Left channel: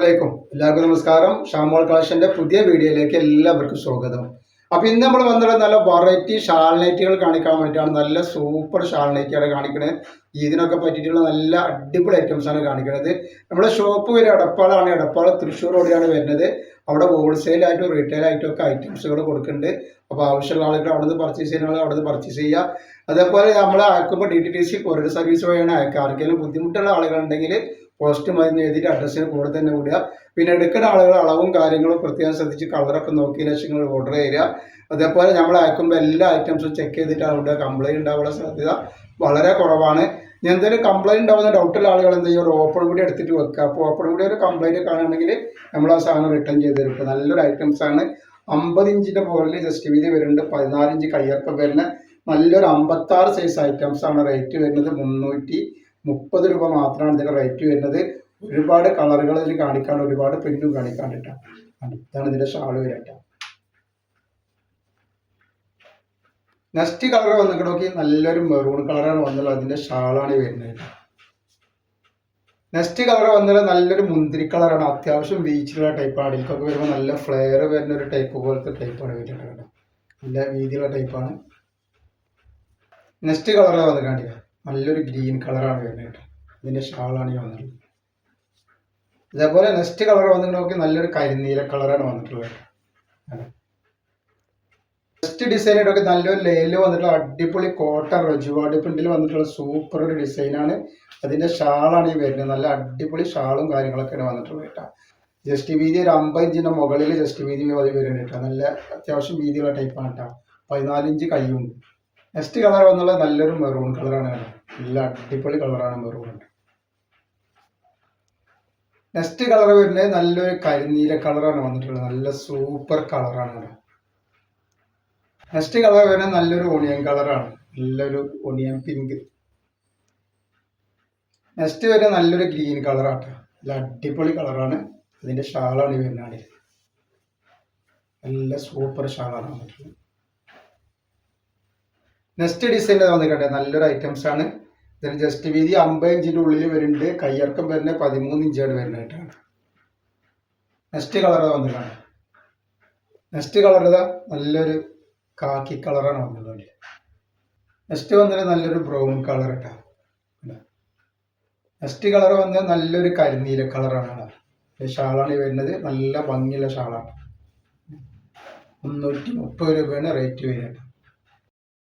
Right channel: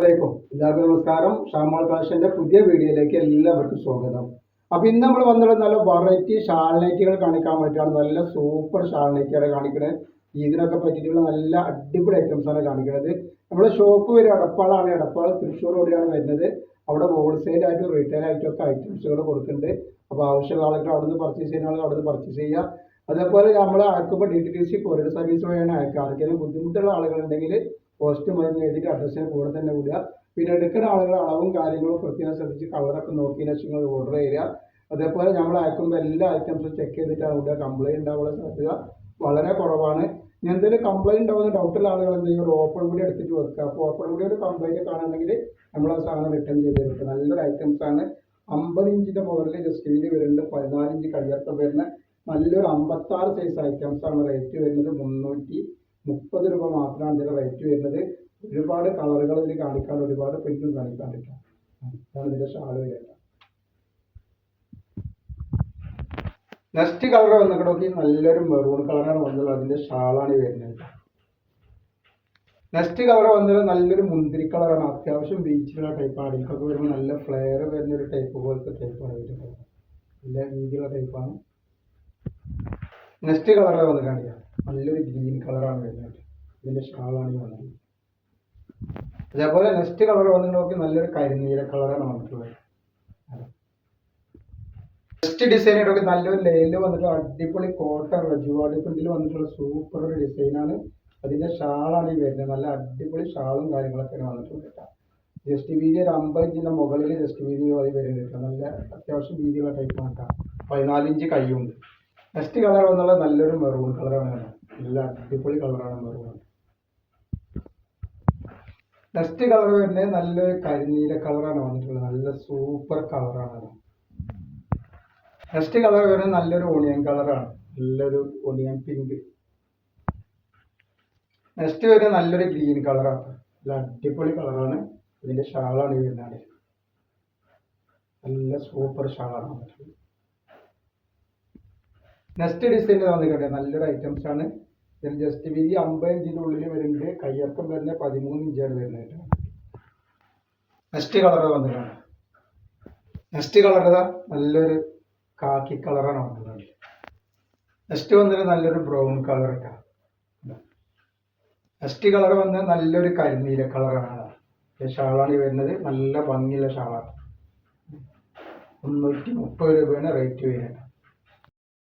അസ്സലാമലൈക്കും. എല്ലാവർക്കും നമസ്കാരം. ഷാമോൾ കളക്ഷന്റെ പുതിയ വീഡിയോയിലേക്ക് എല്ലാവർക്കും സ്വാഗതം. അപ്പോൾ ഇന്ന് നമ്മൾ വന്നത് നല്ല വെറൈറ്റി ഷാൾ നൈറ്റികൾ കാണിക്കാൻ വേണ്ടിയിട്ടാണ്. നല്ല സൂപ്പർ ഷാൾ നൈറ്റിയാണ് കാണിക്കുന്നത്. ഇതിനൊക്കെ പറ്റിയിട്ടുള്ള നല്ല അടിപൊളി ഐറ്റംസ് ആണ് കാണിക്കുന്നത്. നമ്മുടെ ഷോപ്പ് ഒരു എടപ്പാളാണ്. എടപ്പാൾ തൃശ്ശൂർ റോഡിലാണ് വരുന്നത്. അവിടെ ഹോൾസെയിൽ ആയിട്ടും റീറ്റെയിൽ ആയിട്ടും ഒക്കെ ഐറ്റംസുകൾ കൊടുക്കുന്നുണ്ട്. അപ്പോൾ ആവശ്യമുള്ള ആളുകൾ അവിടെ നിന്ന് പർച്ചേസ് ചെയ്യുന്ന ആളുകൾ അവിടെ നിന്ന് പർച്ചേസ് ചെയ്യുക. അതേപോലെ നമ്മൾ അയക്കുമ്പോൾ DTDC കൊറിയർ സർവീസ് വഴിയാണ് അയക്കുക. ആർക്കെങ്കിലും ബുദ്ധിമുട്ടുള്ള ആളുകളുണ്ടെങ്കിൽ പോസ്റ്റ് മരുന്ന് എഴുതിയിട്ട് അഡ്രസ്സിന് കൂടെ തന്നെ വിടുക. പിന്നെ എടുക്കുന്ന ആളുകൾ അളവും കാര്യങ്ങളും പ്രത്യേകം ശ്രദ്ധിച്ച് കളറൊക്കെ നോക്കി ലക്ഷങ്ങൾ ഓർഡർ ചെയ്യുക. അതേപോലെ നമ്മൾ അയക്കുമ്പോൾ എല്ലാ ഐറ്റംസും ചെക്ക് ചെയ്തിട്ടാണ് വിടുക. കംപ്ലൈൻറ്റ് ഉണ്ടാവാനുള്ള സാധ്യത വളരെ കുറവാണ്. എന്തെങ്കിലും കംപ്ലൈൻറ്റ് ഉണ്ടാവുന്ന ഡൗട്ടുള്ള ആളുകൾ എന്ത് ചെയ്യും, ഒരു ഓപ്പൺ കൂടി എടുത്തിട്ട് വെക്കുക. അപ്പോൾ ഓപ്പൺ കൂടി ഒരു കംപ്ലൈൻറ്റ് കാണുകയാണെങ്കിൽ നമ്മൾ ആ സാധനം റിട്ടേൺ ചെയ്ത് തരും. ഇപ്പോൾ നല്ലൊരു ഐറ്റംസാണ്. 50 ഇഞ്ചിൻ്റെ മുകളിൽ ജസ്റ്റ് വീതി വരുന്നുണ്ട്. 14 ഇഞ്ച് കയ്യൊക്കെ വരുന്ന നല്ലൊരു 56 സൈസ് ഐറ്റംസാണ്. റേറ്റ് വരുന്നത് 330 രൂപ മാത്രമാണ് ഇതിൻ്റെ റേറ്റ് വരുന്നത്. ഒരുപാട് കളറുകൾ ഇതിൽ കാണിക്കാണ്ട്, ഒരുപാട് പ്രിന്റും കാണിക്കാണ്ടിട്ടാണ്. ഇതാണ് ഇതിൻ്റെ ഷാൾ വരട്ട. നെക്സ്റ്റ് കളർ വന്നിട്ട് നോക്കി, നല്ലൊരു മെറൂൺ കളറാണ് വന്നത്. അതിൻ്റെ ഷാളാണ് വരുന്നത്. നെക്സ്റ്റ് കളർ വന്നത് നല്ലൊരു മുന്തിരി കളറാണ്. അത്യാവശ്യം ബീച്ചിലുള്ള ടൈപ്പാണ്. അടിക്കൊക്കെ വരുമ്പോൾ നല്ല ഫ്ലെയർ വരുന്ന ഒരു ടൈപ്പ് പോലത്തെ ടൈപ്പാണ് വരുന്നത്. നല്ല വീതിയുള്ള ടൈപ്പാണ്. നെക്സ്റ്റ് കളർ വന്ന് കാണിക്കുക, നല്ലൊരു ഗ്രീൻ കളറാണ് വരുന്നത്. ഇതിൻ്റെ ഷാളാണ് ഈ വന്നത്. അതേപോലെ നെക്സ്റ്റ് കളർ വന്നിട്ട് നോക്കി, നല്ലൊരു കരിനീല കളറാണ് വന്നിട്ടുള്ളത്. നെക്സ്റ്റ് ഡിസൈനായിട്ടൊക്കെ നല്ലൊരു ലേയിൽ വന്നിട്ടുള്ള അടിപൊളി കോട്ടൺ റജുവാർഡ് പ്രിന്റിൽ വന്നിട്ടുള്ള സൂപ്പർ ഒരു ഡിസൈനാണ്. അതിൻ്റെ ഷാളാണ് ഈ വരുന്നത്. നല്ല അടിപൊളി ഷാളും കാര്യങ്ങളൊക്കെയാണ് വന്നിട്ടുള്ളത് കേട്ടോ. ജസ്റ്റ് വീതി ഒരു 50 ഇഞ്ചിൻ്റെ മുകളിൽ ജസ്റ്റ് വീതി വരുന്നുണ്ട് കേട്ടോ. നല്ല അത്യാവശ്യം വീതിയുള്ള ടൈപ്പാണ് കേട്ടോ. 14 ഇഞ്ച് കൈയുണ്ട്. നെക്സ്റ്റ് കളർ വന്നുള്ള നല്ലൊരു മെറൂൺ കളറാണ്. നല്ല അടിപൊളി കളറാണ് മെറൂൺ. നെക്സ്റ്റ് കളർ വരുന്നത് നല്ലൊരു കരിനീല കളറാണ് വന്നിട്ടുള്ളത്. നല്ല സൂപ്പർ കളറാണ്. നെക്സ്റ്റ് കളർ വരുന്നത് നല്ലൊരു ഓണിയൻ കളറാണ്. നല്ലൊരു ഓണിയൻ പിങ്ക്. നെക്സ്റ്റ് വരുന്നത് നല്ലൊരു ഗ്രീൻ കളറാണ്. നല്ല അടിപൊളി കളറാണ്. അതിൻ്റെ ഷാളാണ് വരുന്നത്. നല്ല സൂപ്പർ ഷാളാണ് വന്നിട്ടുള്ളത്. നെക്സ്റ്റ് ഡിസൈൻ വന്നിട്ട് നല്ലൊരു ഐറ്റംസ് ആണ്. ഇതിന് ജസ്റ്റ് വീതി 50 ഇഞ്ചിൻ്റെ ഉള്ളിൽ വരുന്നുണ്ട്. കയ്യിറക്കം വരുന്നത് 13 ഇഞ്ചാണ് വരുന്നതായിട്ടാണ്. നെക്സ്റ്റ് കളർ വന്നിട്ടാണ്. നെക്സ്റ്റ് കളർ നല്ലൊരു കാക്കി കളറാണ് വന്നിട്ടുള്ളത്. നെക്സ്റ്റ് വന്നിട്ട് നല്ലൊരു ബ്രൗൺ കളർ ഇട്ടാ. നെക്സ്റ്റ് കളർ വന്ന് നല്ലൊരു കരിനീല കളറാണ്. ഷാളാണ് വരുന്നത്. നല്ല ഭംഗിയുള്ള ഷാളാണ്. 330 രൂപയാണ് റേറ്റ് വരുന്നത്.